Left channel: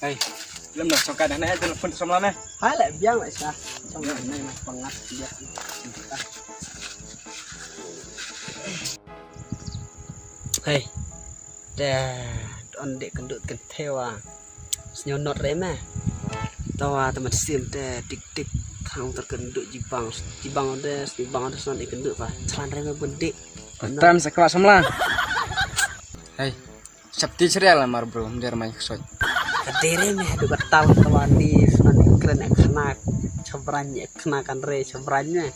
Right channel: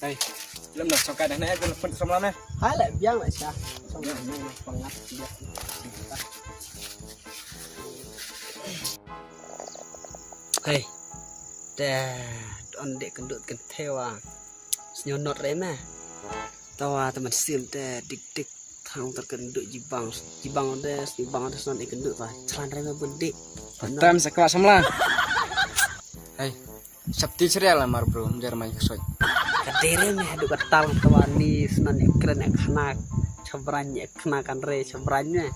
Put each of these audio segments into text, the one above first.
Hey, lâm nào trong cái này nãy phân xong lắm này. Hai lại biang lại sao? Trong này này bằng ngắt dia. Hey, on dek kendut kentewa. Senyonot rema. Tawa teman sim dik thang terkendut jibang ada non kendut pa. Celan rema bendik. Tam sekolah semlan. Hey, sabti ceria lah mar bro, jar mai kesoj. Kadire meh du betal kawati non keren kena cobranya kenakan re cobranya.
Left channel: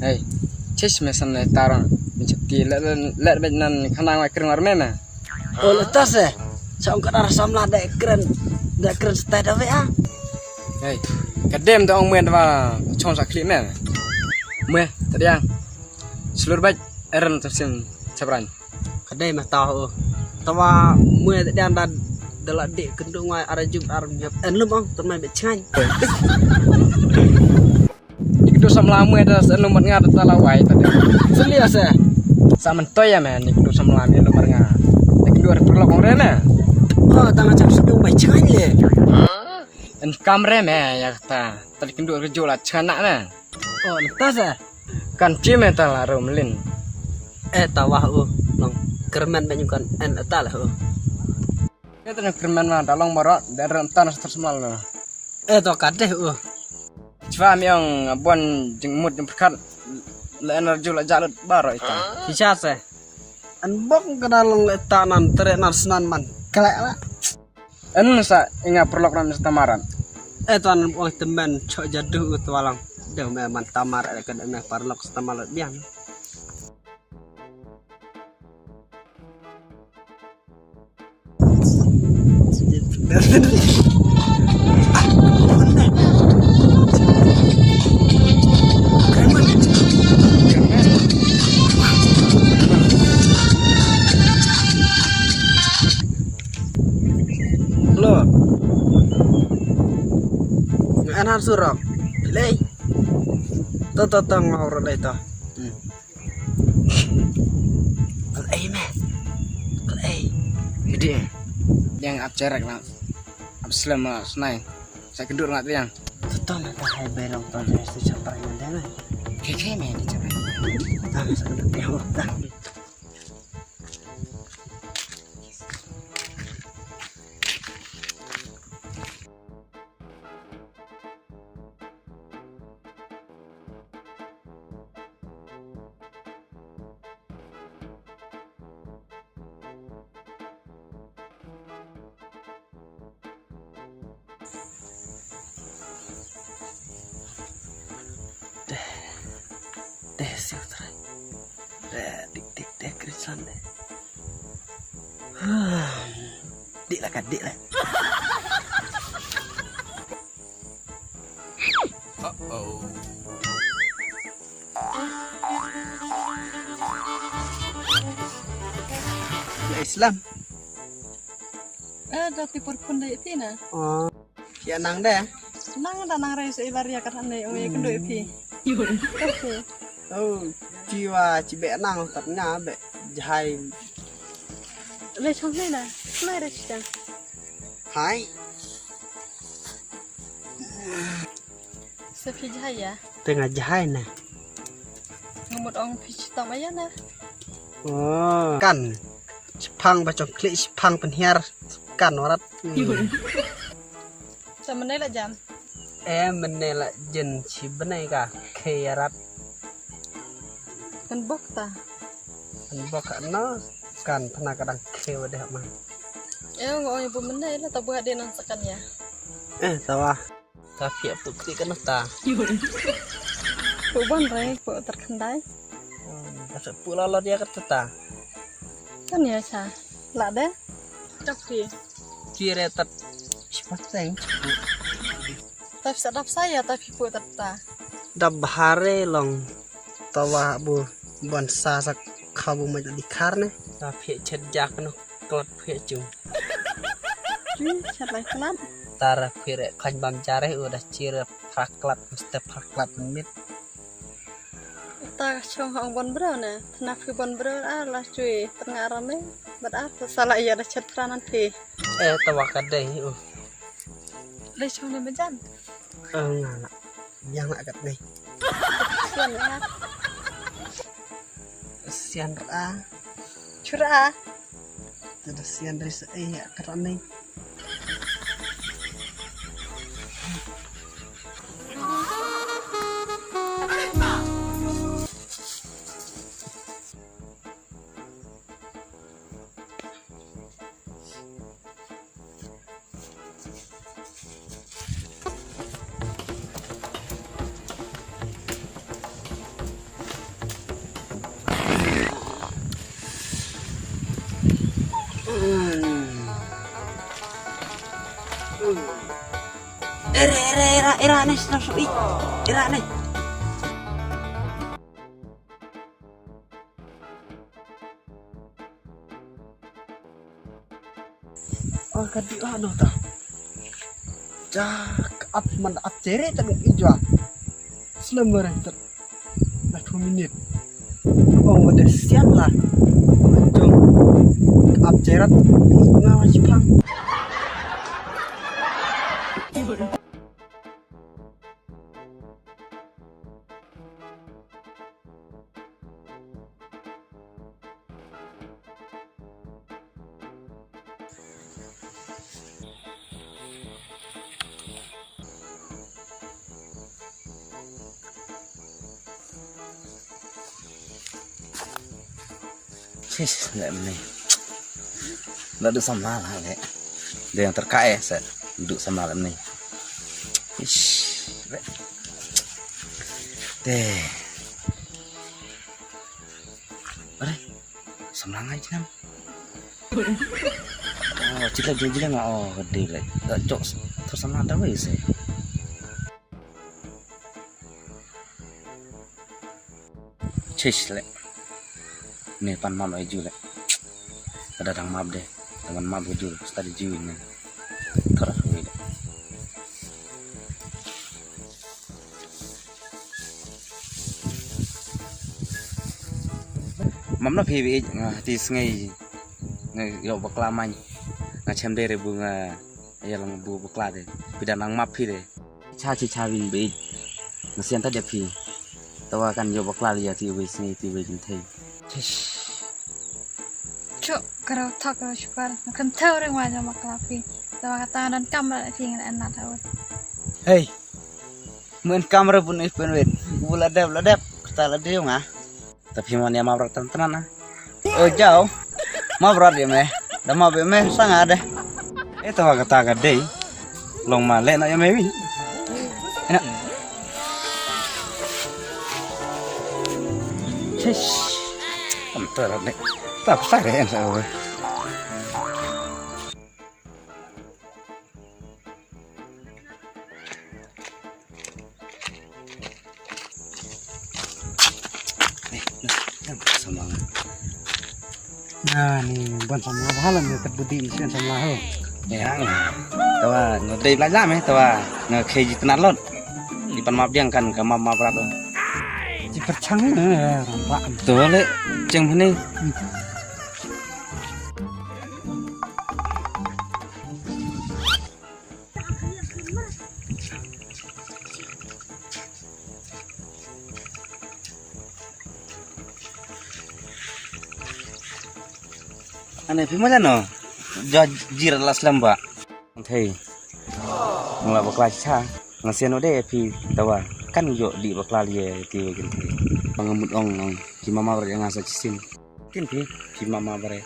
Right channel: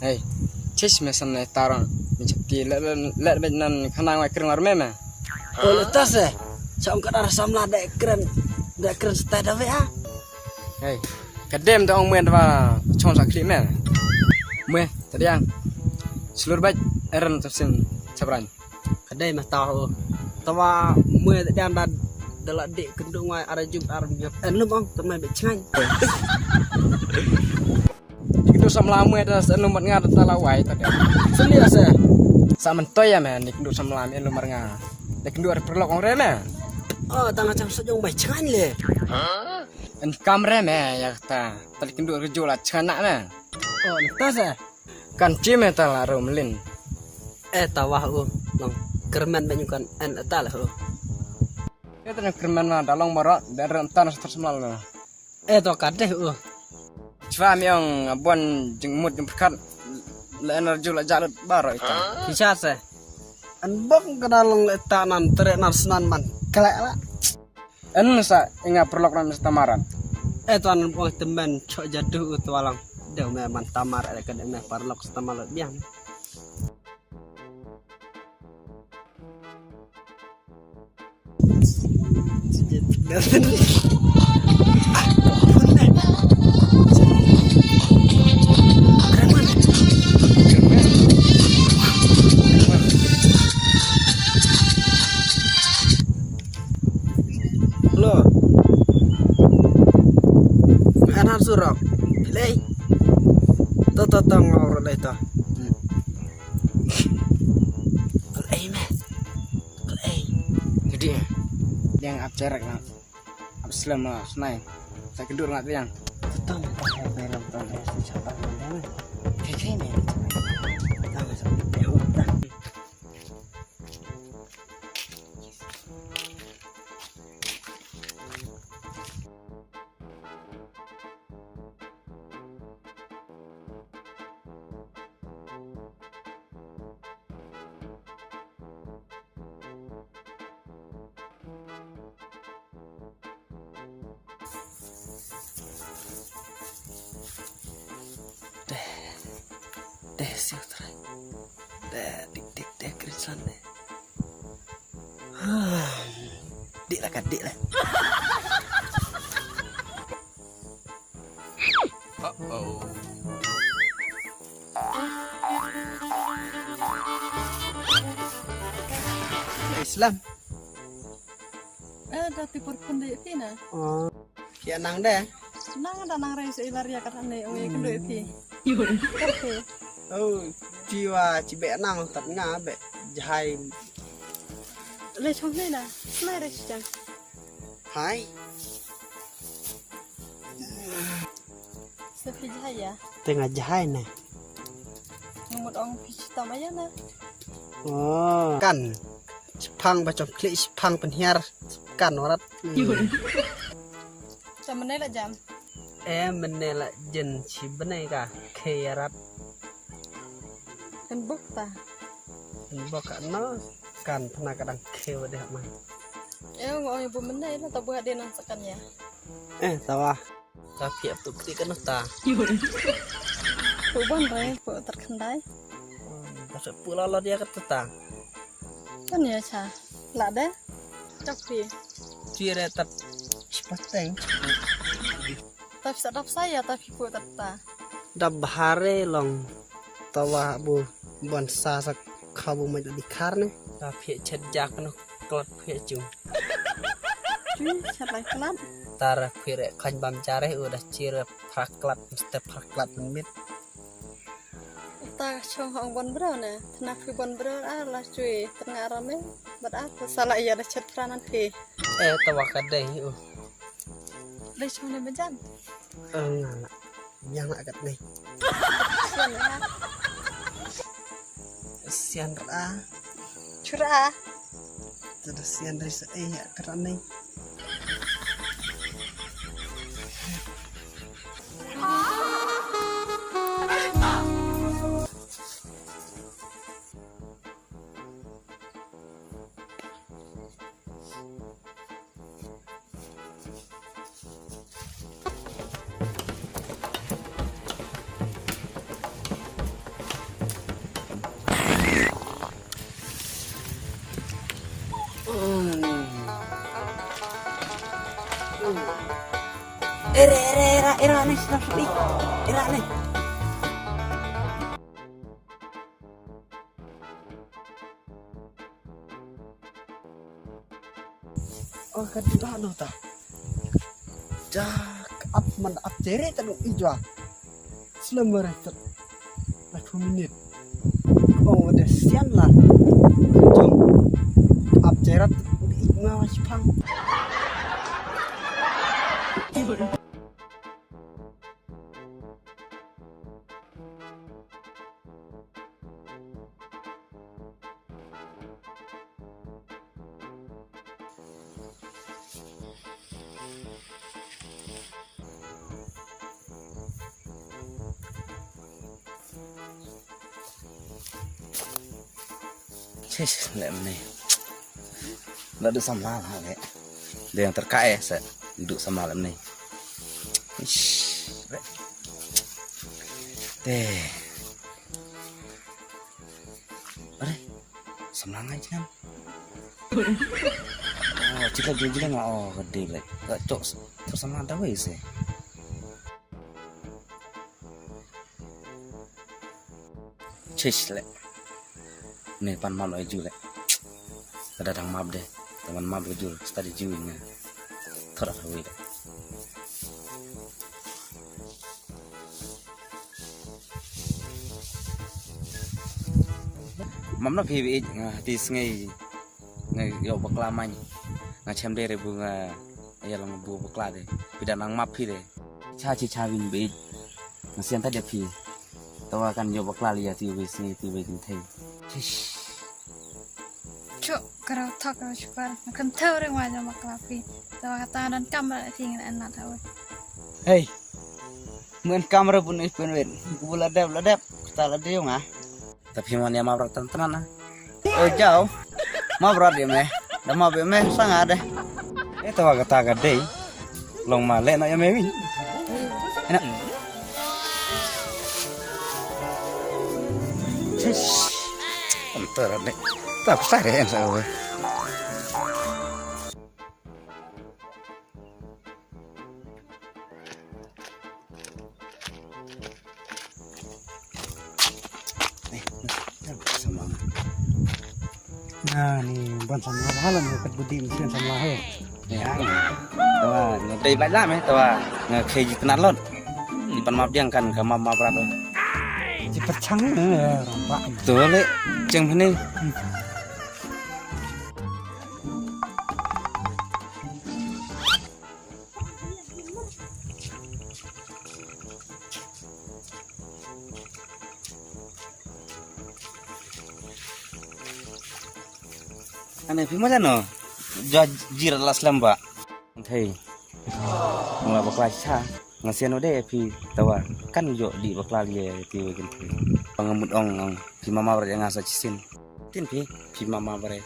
Hey, cis mesan taron. Jadi let nan kena ngai keren arme mah. Oh, tas Sam kadar samlah dek keren stay dah ah. Hey, kadem tu orang main apa? Cuma sakit mah. Mah, tadi yang seluruh baik eren tersim cabran. Kadai mah tahu. Tawa mue tadi anda dalam dek kendung ngai arajub arjub. Lu bang teman becai. Itu sama lama dah selalu mengat talawai tadi. Suli asa. Sama toy ya man, itu sama lama lu mengat. Lagi dua perlu kau rena. Oh, tangan jam sedang becai le. En kamera mah ya ta. Tadi kedua kerja lah canak mah. Oh, tas Kan cime ta lah rumlin. Tawah bang. Kerman banyukan talah Ya tadi kerman mah dalam barat dari rentan terus malam. To kadeh Coba yang abuan jengmut jempat energi lah jalan baru itu. Bisa se. Bok kedalang tanan terek narsenan man. Kelek lah. Sa ingat perlu kena tamaran. Tuan teman cok jadu tualang. Dah memang tamar ada kena parlok setamalot biang. Anak surok, pilih. Totong mau roda itu. Pilih meh, pilih. Jadi yang abjarak nak, selama senai, saya kedua nak tiang. Totong mana belok terus cepat mana? Kayak ni cepat. Tak sampai belok tak. Dik krisan deh. Dik lah. Oh. Islam. Dati pun dai pina. Oh. Ya nang deh. Nang ada nang rai seibar ya kan dai oye kan doi pi. Oh, jiwa cibe nang tak ngabe jahai. Le chong le na. Le re chang. Hai. Sepi jaya. Tengah jahai nah. Ngumut ong pi tawaya na. Oh, kan. Sepang bacok klik sepang penhiar kan warat. Samene la jam. Menela jen si benai ka keyarat Kan bok ta. baka no kan pernah kadang ke wadah mah. Ngoi pun benda lah tak buat dia nang sekan ya. Tawa. Tapi apa klik kan ta. Kau bang rai kau terkendai. Masa pula lo dia kata ta. Kan ya sa. Lah dah. Coki. Kira tet sepateng. Tapi sedap saya tapi kau tak. Dabhare long tawa bu buan sasak kabu mai di karne tapi cedjak no klot pheju Siapa kelab? tara kire kan bam care udah cire praklat mesti praklat mit ta chong hong bon bro na na phi bon bro lah cuy tengah rame buat apa salah iya ada chat peranan pi tawa kadai le chong ni bejan enggak yang agak nih sian curah terus sian dari ya keran nih Era nih, era nih. Oh kan kita doh ta. Jak up man up jere ta ijwa. Selama itu. Lah 2 menit. Oh udah siap lah. Jom. Up jeret ngawas plang. Nek nih, duduk sama lah dek. Dia yang terkaya saya duduk sama malam nih. Deh, ada semangat aja kan? Jika dia juga nggak gede lek, nggak cok terus sama ada wes sih. Lek. Nih pan malu aja lek. Ada dang mab deh, dengan mab itu tadi jiwanya terus. Mam nó phi thì ngay yo bakla man ngachem dere bunga ya lang bu bakla de bidan nang map phi de cha chi cha win be ngasian ta de phi tawa kan yo bakla ya ti we sni ti we kin thei cuk kalau tak kalau syukur makan tahu orang mana makan pi tahu kata dan kamera tinggal enak tahu Hei, main kamera pun es penwet, ladap, kita ladap ngah. tapi mana map rak tenan ah Oh jauh, mau berat ya meh, dah mau meh sangat deh. tawa kata gede long ma le na ya mewi entar deh tak bisa deh yang sama Nah nih, ban sama halam ya terbudi isian sama hal. Behang, tawa ngede lala meh tawa ngkeji tenan lon ni pan map yang kan gamam map rak Cepat canggih ya, rampak. tuh le ceng ini aneh pi mana no jir las lamba thei ngla bakla cha ngasian ode pi tawa kan yo di bakla ye ti pangamut ong ki mama ber yang asa cisin tin pi mama bare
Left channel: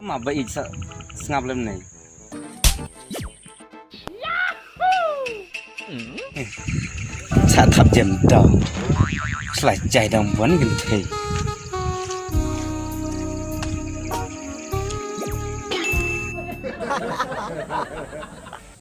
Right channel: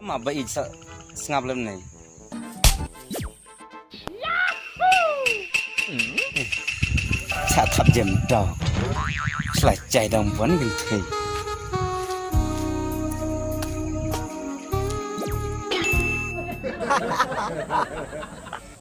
ma ba i sa ngap lem nei sa thap jem do sai chai dam wan gin thei